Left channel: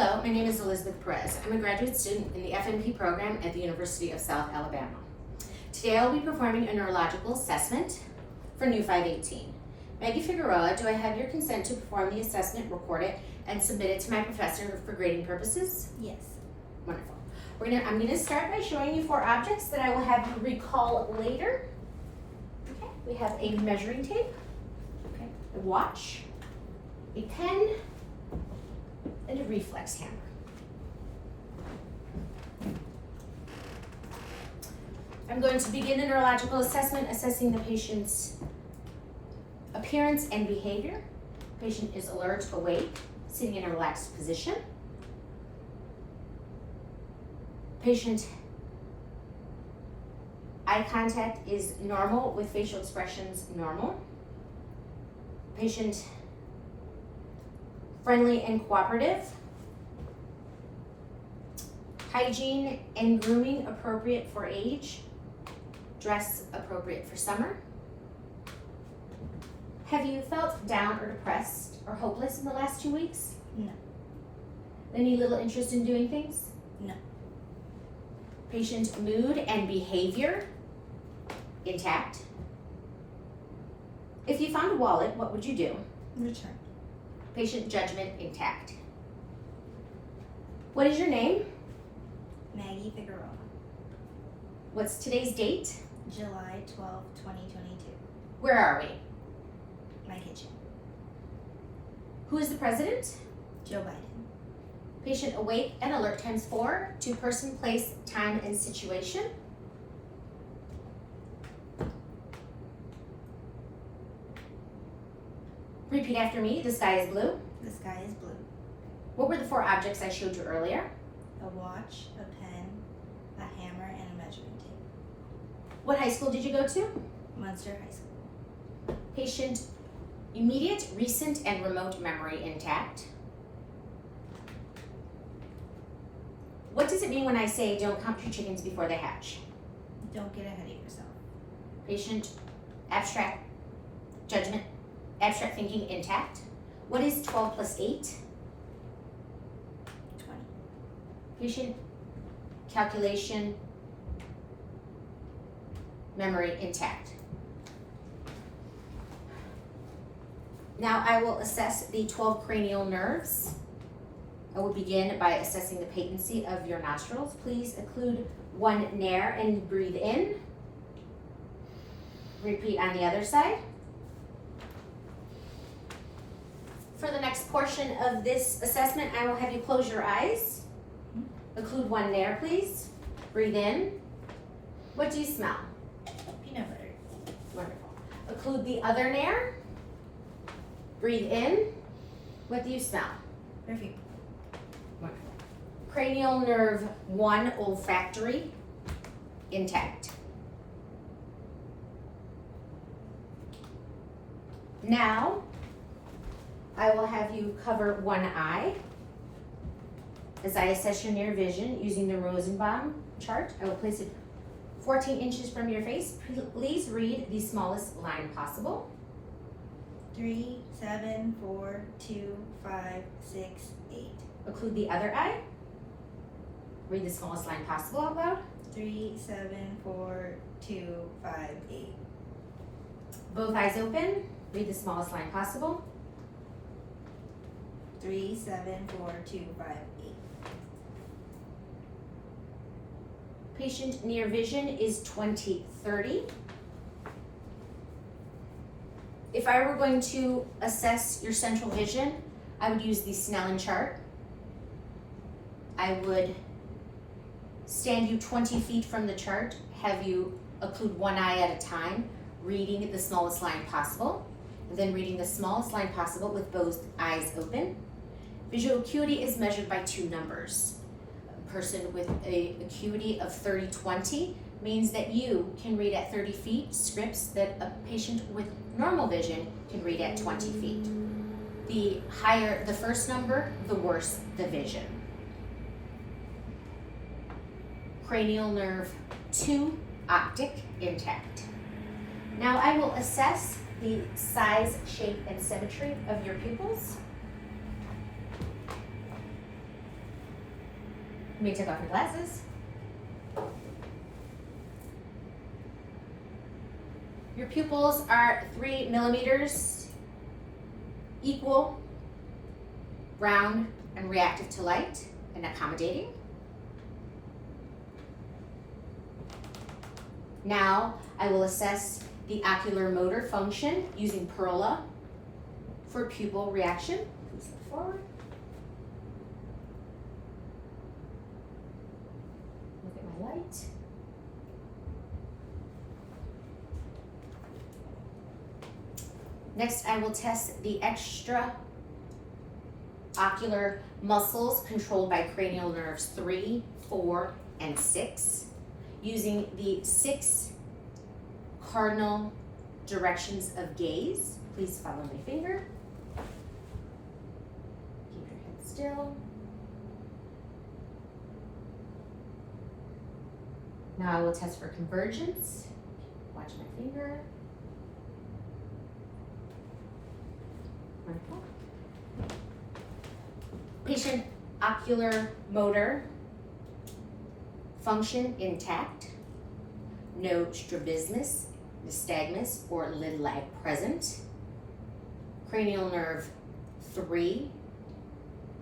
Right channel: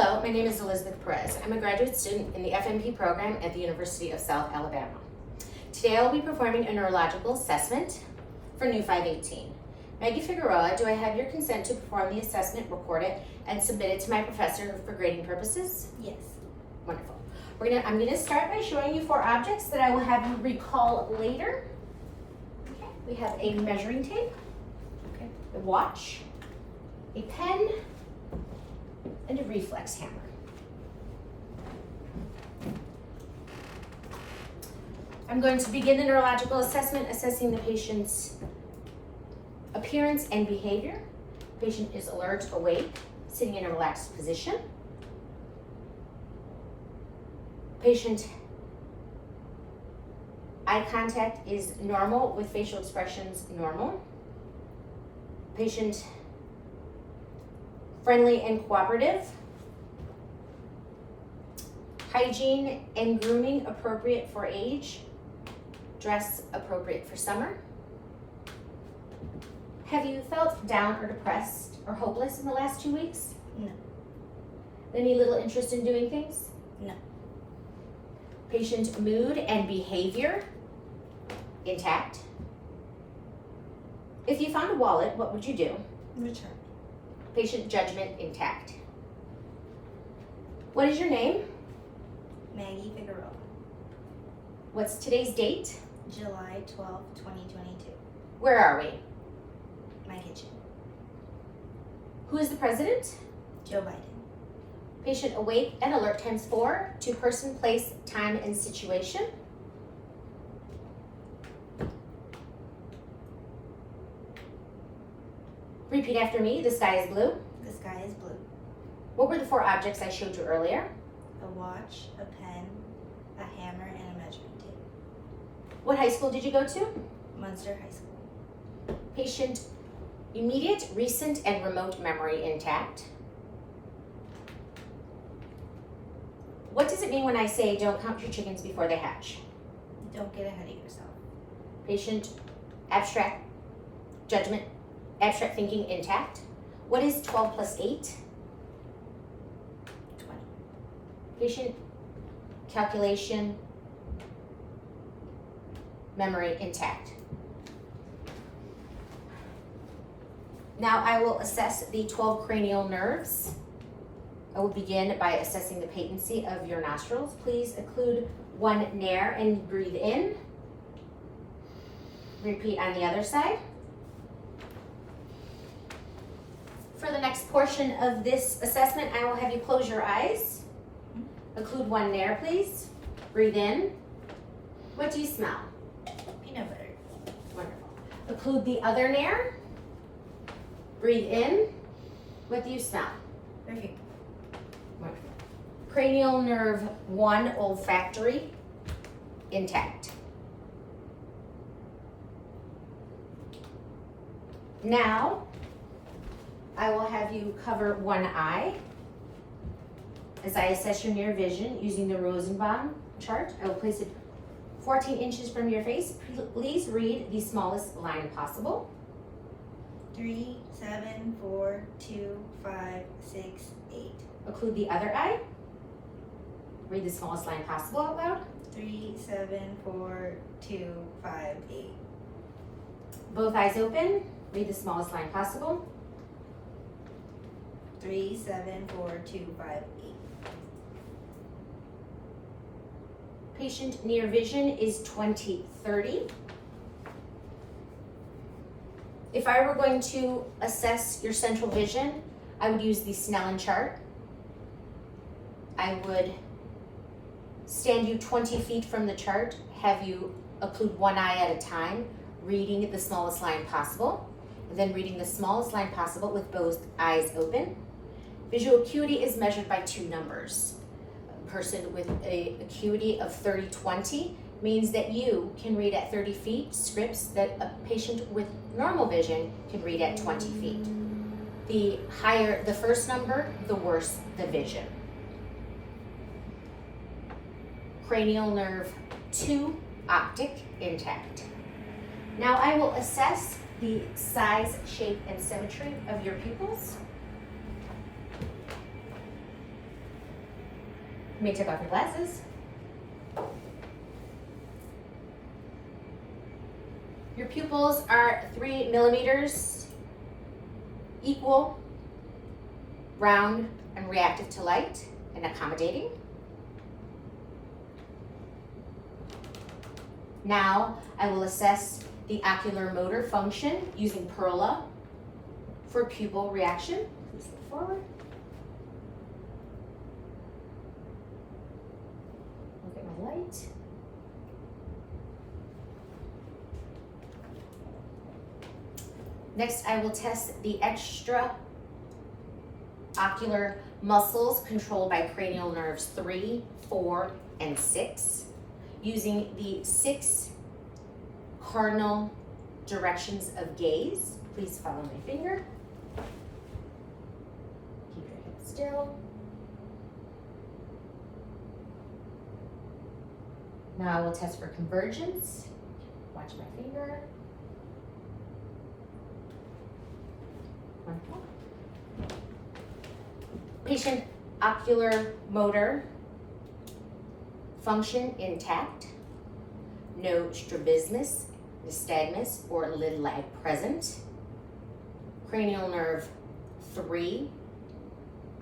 Hello, my name is Elizabeth Perez. I'm a graduate student in the FNP program at the University of South Alabama. Today I will be performing a neurological assessment for NU518. Maggie Figueroa, do I have your consent to perform the assessment, record it, and submit it to my professor for grading purposes? Yes. Wonderful. I'm going to start by showing you 4 objects that I will have you recall later. Okay. We have a measuring tape, a watch, a pen, and a reflex hammer. I'm going to begin the neurological assessment assessing the patient's appearance and behavior. The patient is alert, awake, sitting in a relaxed position. Patient eye contact is normal with facial expressions normal. Patient friendly and cooperative. Hygiene and grooming appropriate for age. Dress appropriate for summer. Have you felt down or depressed or hopeless in the last 2 weeks? No. Any little interest in doing things? No. Patient mood and behavior intact. If you found a wallet, what would you do? Return. Patient judgment intact. What is your name? Maggie Figueroa. What's today's date? July 12, 2022. Where are we? My kitchen. Who is the president? Joe Biden. Patient awake and alert times 4 to person, place, time, and situation. Repeat after me. The sky is blue. The sky is blue. What were the 4 objects I showed you earlier? A watch, a pen, a hammer, and a measuring tape. What high school did you go to? Munster High School. Patient immediate, recent, and remote memory intact. What does it mean when I say don't count your chickens before they hatch? Don't get ahead of yourself. Patient abstract judgment, abstract thinking intact. What is 12 plus 8? 20. Patient calculation, memory intact. Now I will assess the 12 cranial nerves. I will begin by assessing the patency of your nostrils. Please occlude 1 nair and breathe in. Repeat on the other side. For the next portion of this assessment, I will have you close your eyes. Occlude 1 nair, please. Breathe in. What do you smell? Peanut butter. Wonderful. Occlude the other nair. Breathe in. What do you smell? Perfume. Wonderful. Cranial nerve 1, olfactory, intact. Now, I will have you cover 1 eye. As I assess your near vision using the Rosenbaum chart, I will place it 14 inches from your face. Please read the smallest line possible. 3, 7, 4, 2, 5, 6, 8. Occlude the other eye. Read the smallest line possible out loud. 3, 7, 4, 2, 5, 8. Both eyes open. Read the smallest line possible. 3, 7, 4, 2, 5, 8. Patient near vision is 20/30. If I were going to assess your central vision, I would use the Snellen chart. I would stand you 20 feet from the chart, have you occlude 1 eye at a time, reading the smallest line possible, and then reading the smallest line possible with both eyes open. Visual acuity is measured by 2 numbers. A person with an acuity of 30/20 means that you can read at 30 feet scripts that a patient with normal vision can read at 20 feet. The higher the first number, the worse the vision. Cranial nerve 2, optic, intact. Now I will assess the size, shape, and symmetry of your pupils. You may take off your glasses. Your pupils are 3 millimeters, equal, round, and reactive to light, and accommodating. Now I will assess the ocular motor function using Perla for pupil reaction. Please step forward. Look at my light. Next, I will test the extra ocular muscles controlled by cranial nerves 3, 4, and 6 using the 6 cardinal directions of gaze. Please follow my finger. Keep your head still. Now I will test for convergence. Watch my finger. Wonderful. Patient ocular motor function intact. No strabismus, nystagmus, or lid lag present. Cranial nerve 3,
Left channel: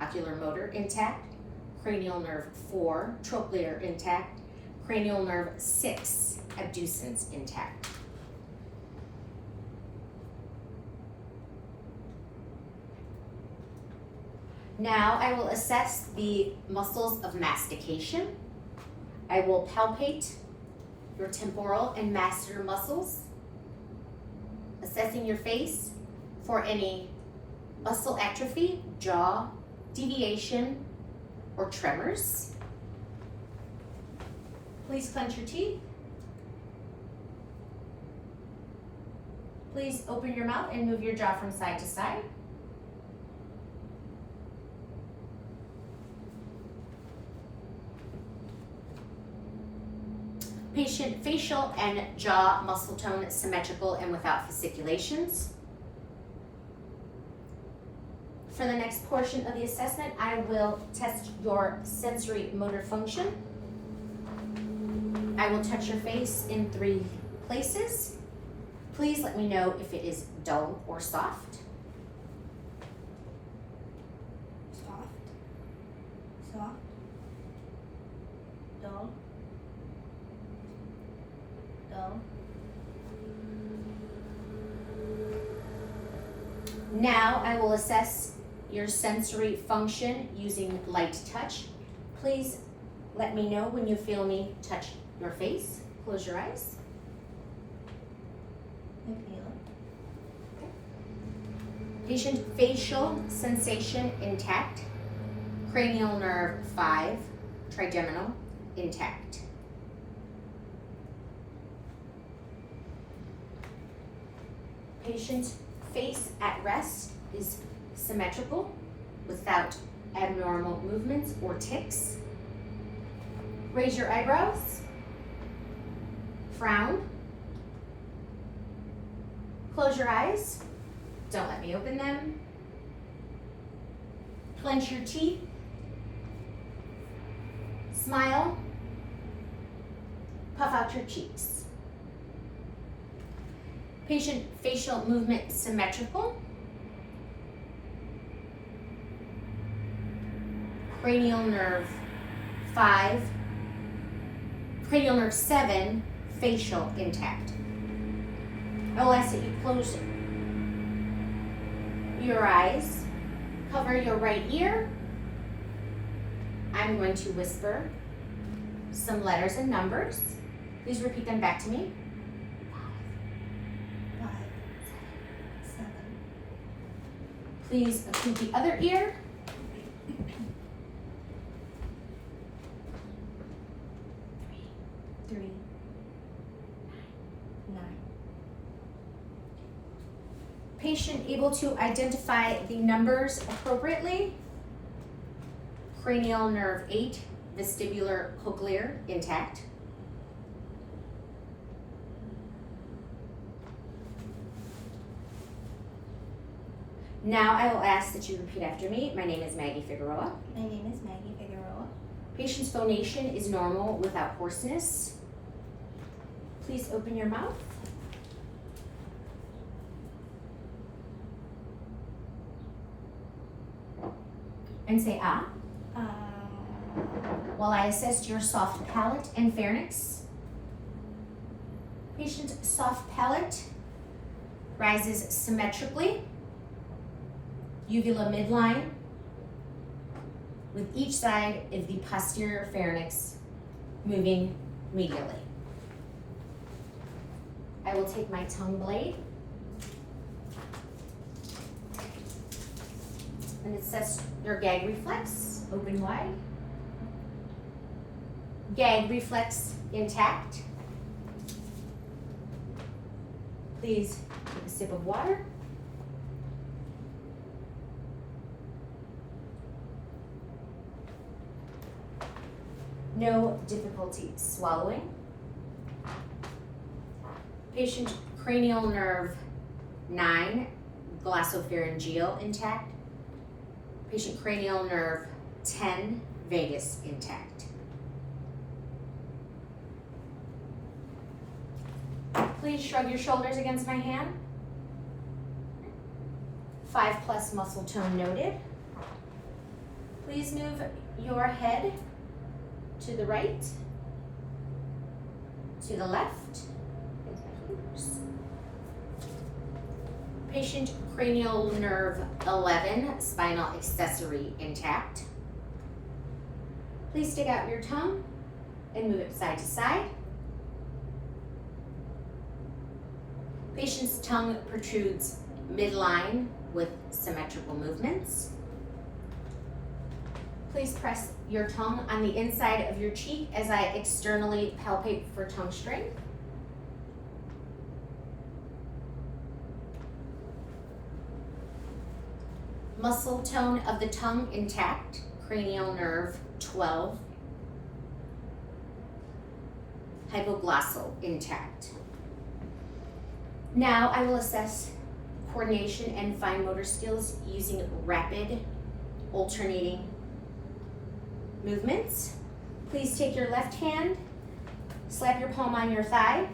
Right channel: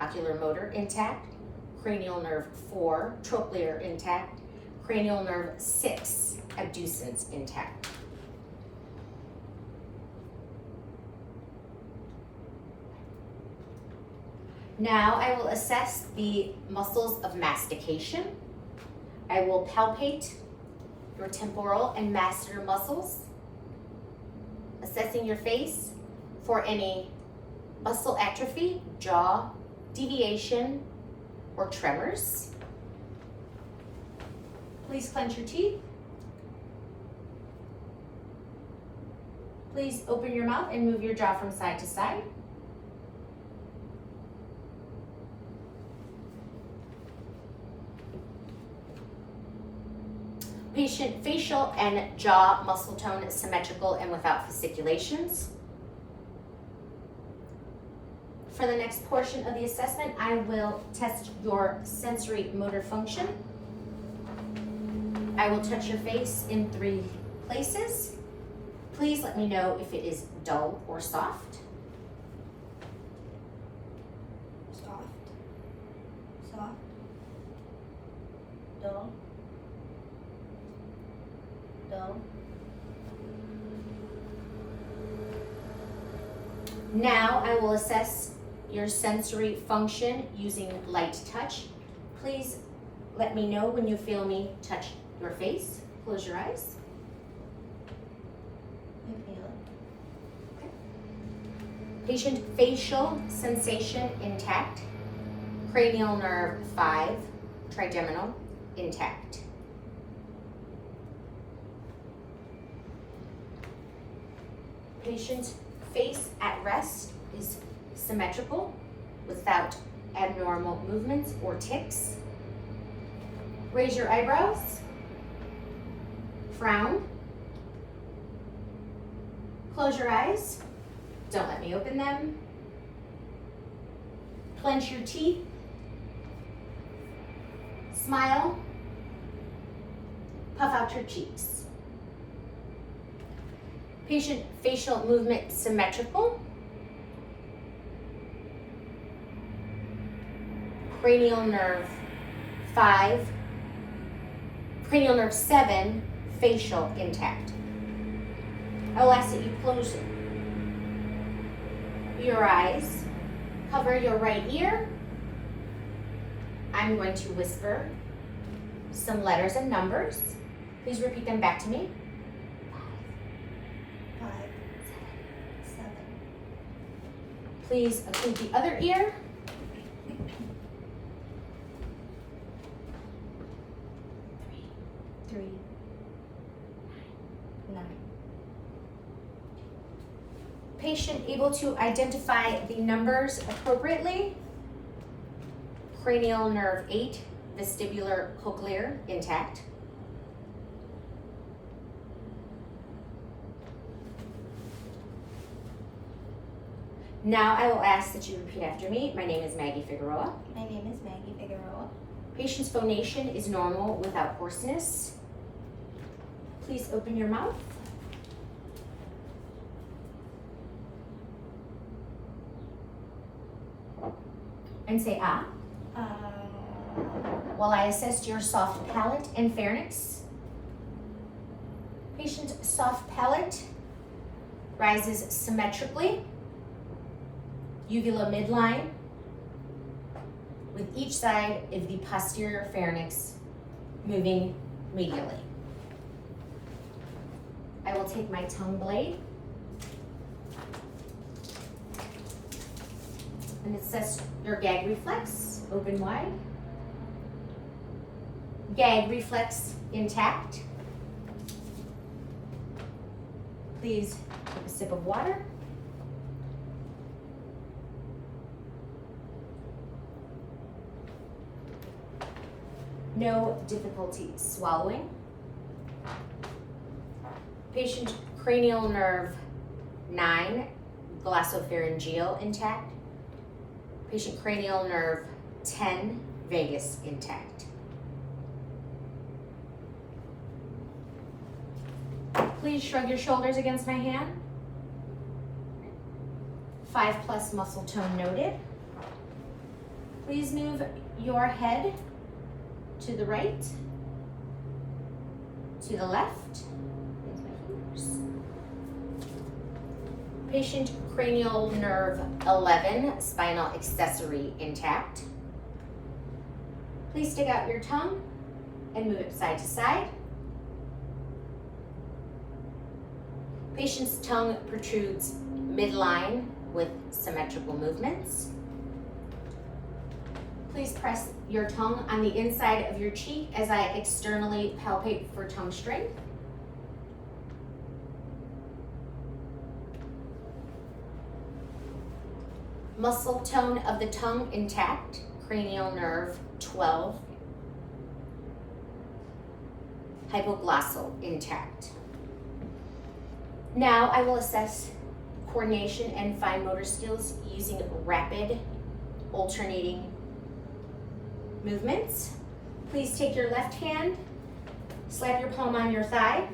ocular motor intact. Cranial nerve 4, trochlear intact. Cranial nerve 6, abducens intact. Now I will assess the muscles of mastication. I will palpate your temporal and masseter muscles, assessing your face for any muscle atrophy, jaw deviation, or tremors. Please clench your teeth. Please open your mouth and move your jaw from side to side. Patient facial and jaw muscle tone is symmetrical and without fasciculations. For the next portion of the assessment, I will test your sensory motor function. I will touch your face in 3 places. Please let me know if it is dull or soft. Soft. Soft. Dull. Dull. Now I will assess your sensory function using light touch. Please let me know when you feel me touch your face. Close your eyes. I feel it. Patient facial sensation intact. Cranial nerve 5, trigeminal intact. Patient face at rest is symmetrical without abnormal movements or tics. Raise your eyebrows. Frown. Close your eyes. Don't let me open them. Clench your teeth. Smile. Puff out your cheeks. Patient facial movement symmetrical. Cranial nerve 5, cranial nerve 7, facial intact. I will ask that you close your eyes, cover your right ear. I'm going to whisper some letters and numbers. Please repeat them back to me. 5, 7. Please occlude the other ear. 3, 9. Patient able to identify the numbers appropriately. Cranial nerve 8, vestibular cochlear intact. Now I will ask that you repeat after me. My name is Maggie Figueroa. My name is Maggie Figueroa. Patient's phonation is normal without hoarseness. Please open your mouth. And say ah. While I assess your soft palate and pharynx. Patient's soft palate rises symmetrically, uvula midline, with each side of the posterior pharynx moving medially. I will take my tongue blade and assess your gag reflex, open wide. Gag reflex intact. Please take a sip of water. No difficulty swallowing. Patient cranial nerve 9, glossopharyngeal intact. Patient cranial nerve 10, vagus intact. Please shrug your shoulders against my hand. 5+ muscle tone noted. Please move your head to the right, to the left. Patient cranial nerve 11, spinal accessory intact. Please stick out your tongue and move it side to side. Patient's tongue protrudes midline with symmetrical movements. Please press your tongue on the inside of your cheek as I externally palpate for tongue strength. Muscle tone of the tongue intact, cranial nerve 12. Hypoglossal intact. Now I will assess coordination and fine motor skills using rapid alternating movements. Please take your left hand, slap your palm on your thigh,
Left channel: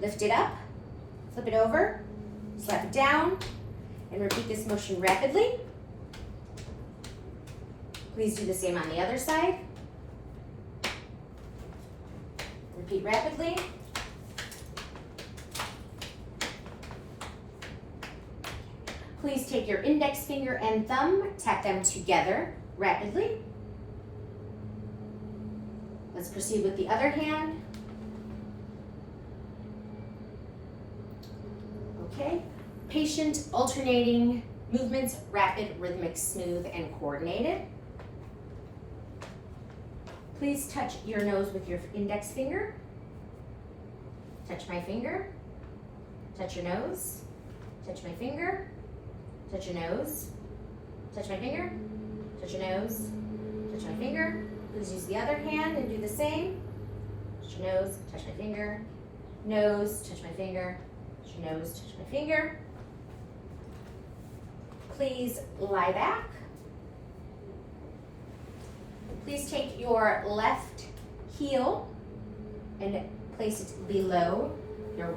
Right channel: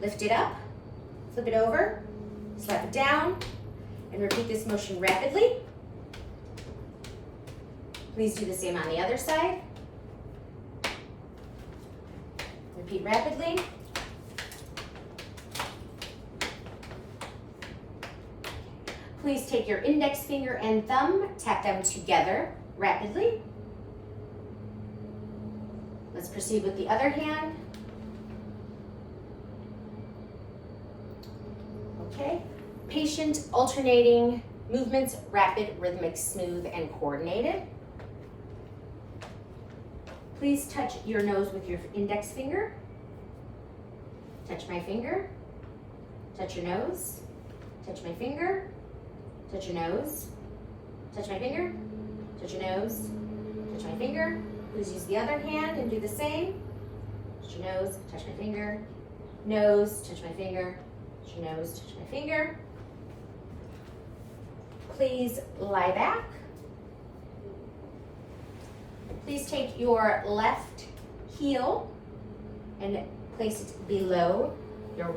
lift it up, flip it over, slap it down, and repeat this motion rapidly. Please do the same on the other side. Repeat rapidly. Please take your index finger and thumb, tap them together rapidly. Let's proceed with the other hand. Okay. Patient alternating movements, rapid, rhythmic, smooth, and coordinated. Please touch your nose with your index finger. Touch my finger. Touch your nose. Touch my finger. Touch your nose. Touch my finger. Touch your nose. Touch my finger. Please use the other hand and do the same. Touch your nose. Touch my finger. Nose. Touch my finger. Touch your nose. Touch my finger. Please lie back. Please take your left heel and place it below your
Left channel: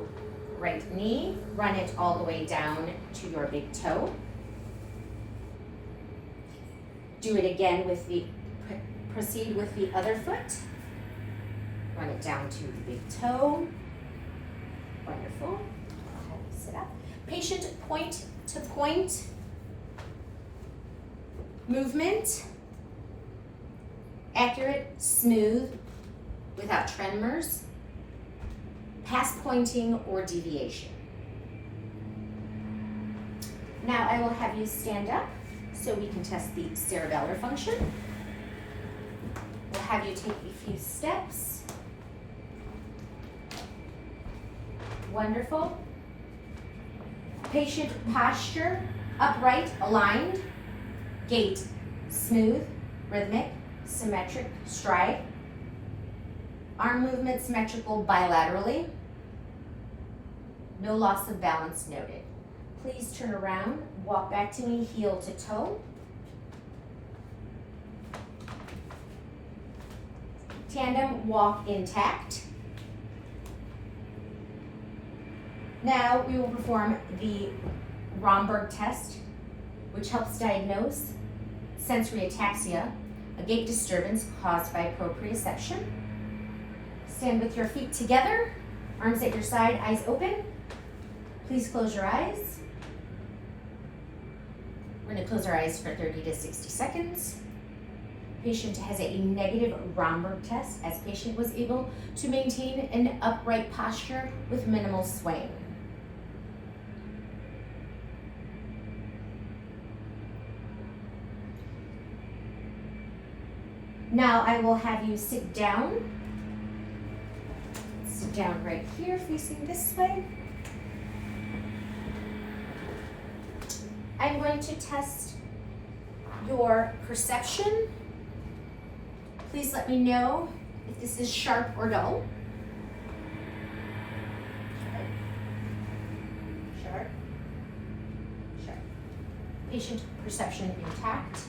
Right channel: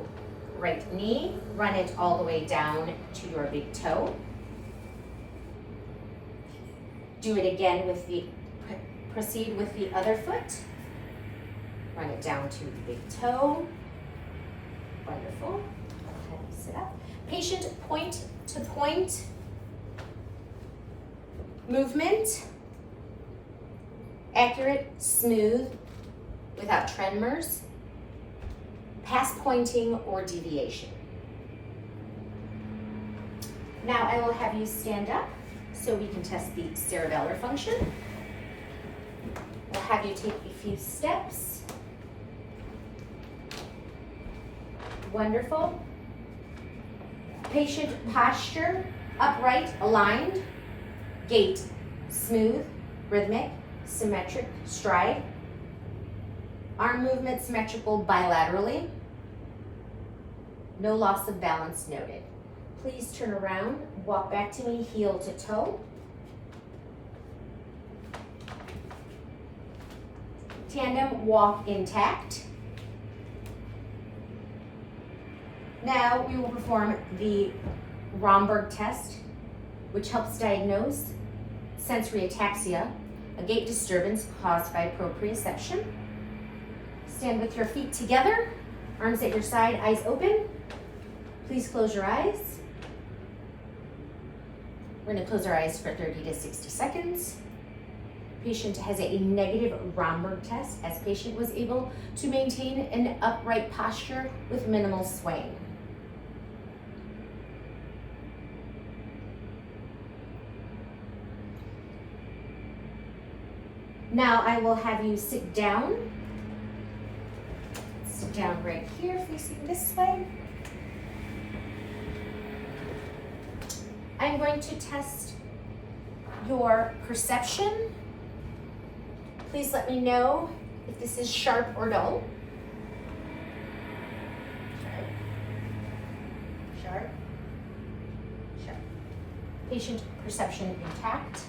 right knee. Run it all the way down to your big toe. Do it again with the, proceed with the other foot. Run it down to the big toe. Wonderful. Have you sit up. Patient point to point movement. Accurate, smooth, without tremors, pass pointing or deviation. Now I will have you stand up so we can test the cerebellar function. I'll have you take a few steps. Wonderful. Patient posture, upright, aligned, gait, smooth, rhythmic, symmetric stride. Arm movement symmetrical bilaterally. No loss of balance noted. Please turn around, walk back to me, heel to toe. Tandem walk intact. Now we will perform the Romberg test, which helps diagnose sensory ataxia, a gait disturbance caused by proprioception. Stand with your feet together, arms at your side, eyes open. Please close your eyes. We're going to close our eyes for 30 to 60 seconds. Patient has a negative Romberg test, as patient was able to maintain an upright posture with minimal swaying. Now I will have you sit down. Sit down right here, facing this way. I'm going to test your perception. Please let me know if this is sharp or dull. Sharp. Sharp. Patient perception intact.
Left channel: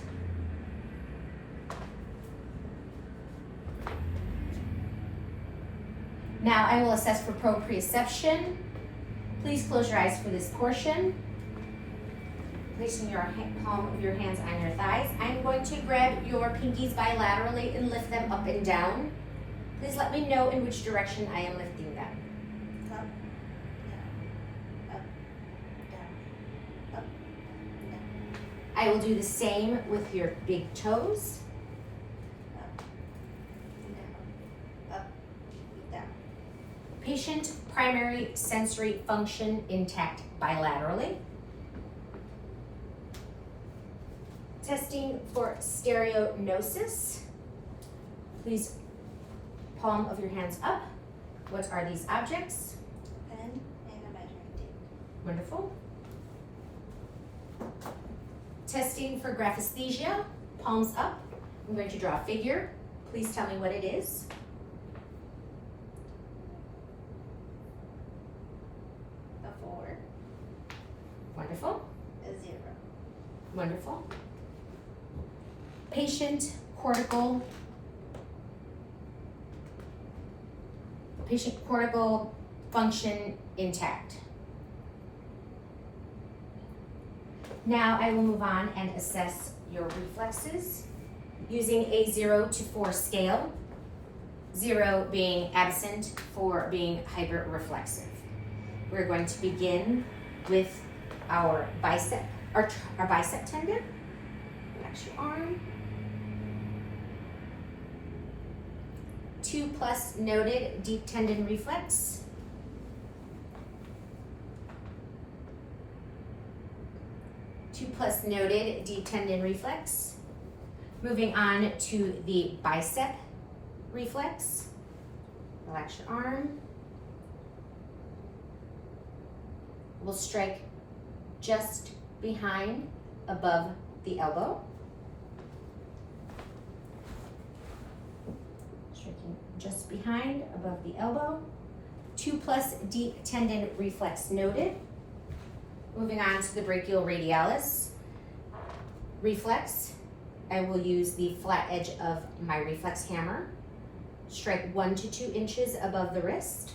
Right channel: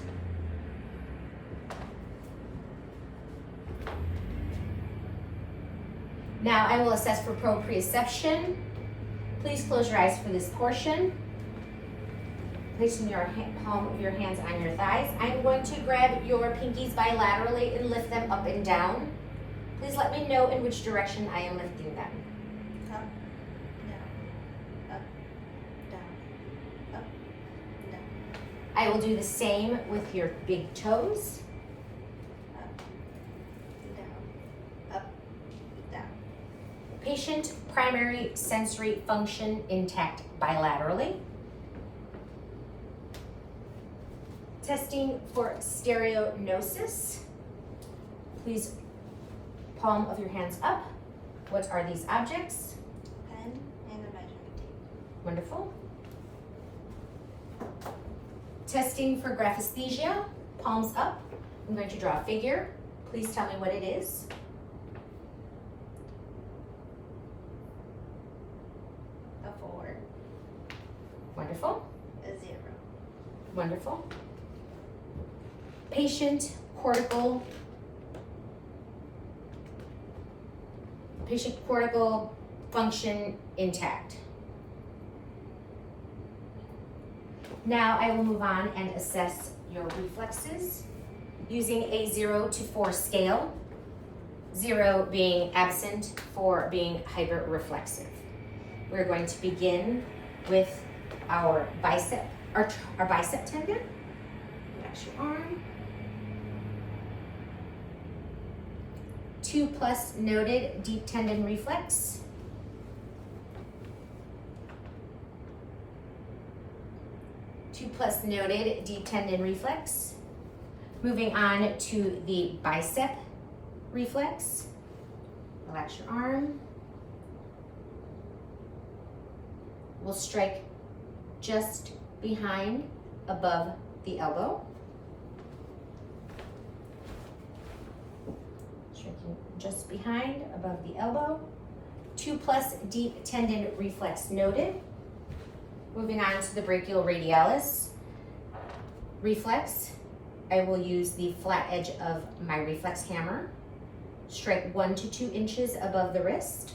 Now I will assess for proprioception. Please close your eyes for this portion. Placing your palm of your hands on your thighs. I'm going to grab your pinkies bilaterally and lift them up and down. Please let me know in which direction I am lifting them. Up, down, up, down, up, down. I will do the same with your big toes. Up, down, up, down. Patient primary sensory function intact bilaterally. Testing for stereognosis. Please palm of your hands up. What are these objects? Pen and a measuring tape. Wonderful. Testing for graphesthesia. Palms up. I'm going to draw a figure. Please tell me what it is. A 4. Wonderful. A 0. Wonderful. Patient cortical function intact. Now I will move on and assess your reflexes using a 0 to 4 scale, 0 being absent, 4 being hyperreflexive. We're going to begin with our bicep tendon. Relax your arm. 2+ noted deep tendon reflex. 2+ noted deep tendon reflex. Moving on to the bicep reflex. Relax your arm. We'll strike just behind, above the elbow. Striking just behind, above the elbow. 2+ deep tendon reflex noted. Moving on to the brachioradialis reflex. I will use the flat edge of my reflex hammer. Strike 1 to 2 inches above the wrist.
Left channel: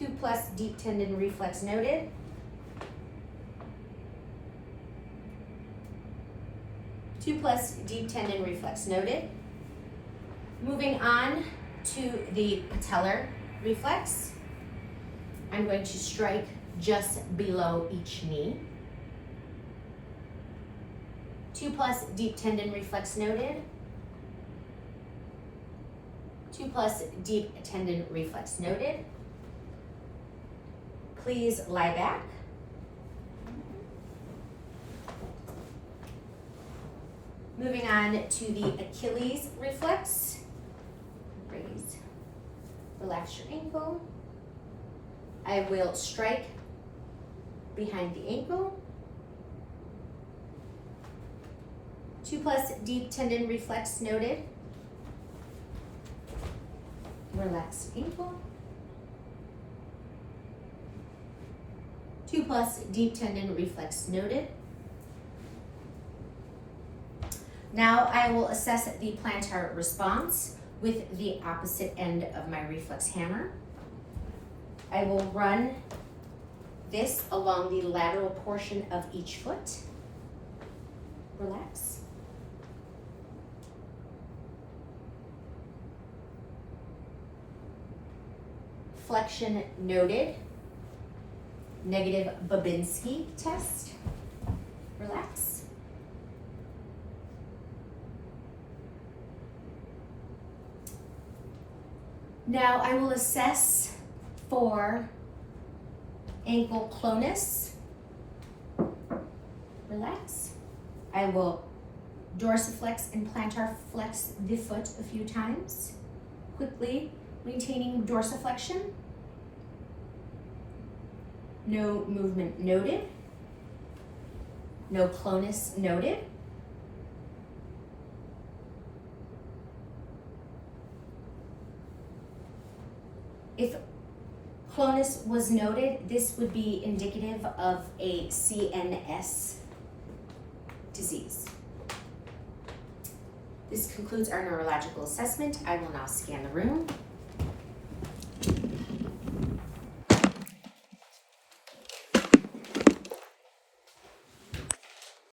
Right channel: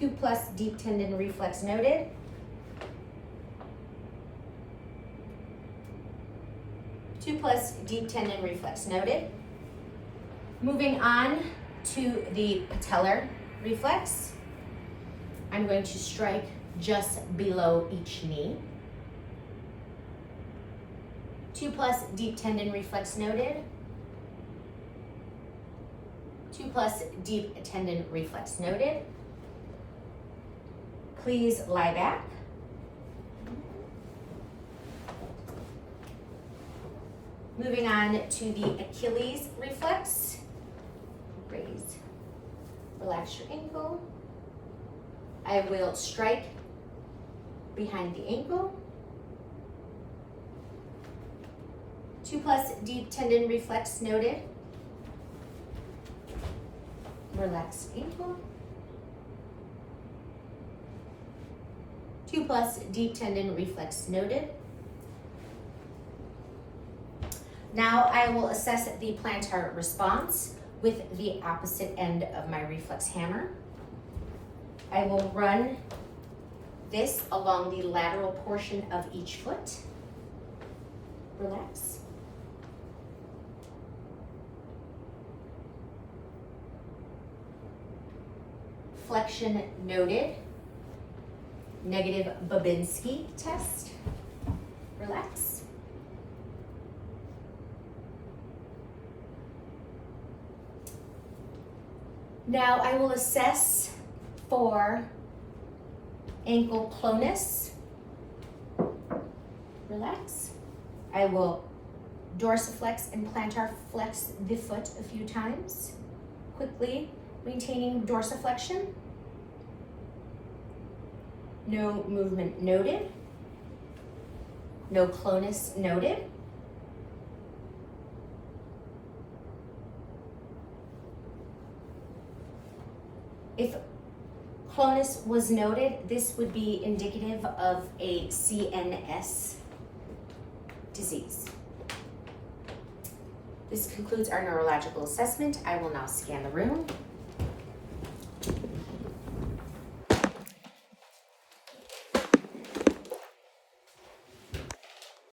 2+ deep tendon reflex noted. Deep tendon reflex noted. Moving on to the patellar reflex. I'm going to strike just below each knee. 2+ deep tendon reflex noted. 2+ deep tendon reflex noted. Please lie back. Moving on to the Achilles reflex. Raise, relax your ankle. I will strike behind the ankle. 2+ deep tendon reflex noted. Relax ankle. 2+ deep tendon reflex noted. Now I will assess the plantar response with the opposite end of my reflex hammer. I will run this along the lateral portion of each foot. Relax. Flexion noted. Negative Babinski test. Relax. Now I will assess for ankle clonus. Relax. I will dorsiflex and plantar flex the foot a few times, quickly maintaining dorsiflexion. No movement noted. No clonus noted. If clonus was noted, this would be indicative of a CNS disease. This concludes our neurological assessment. I will now scan the room.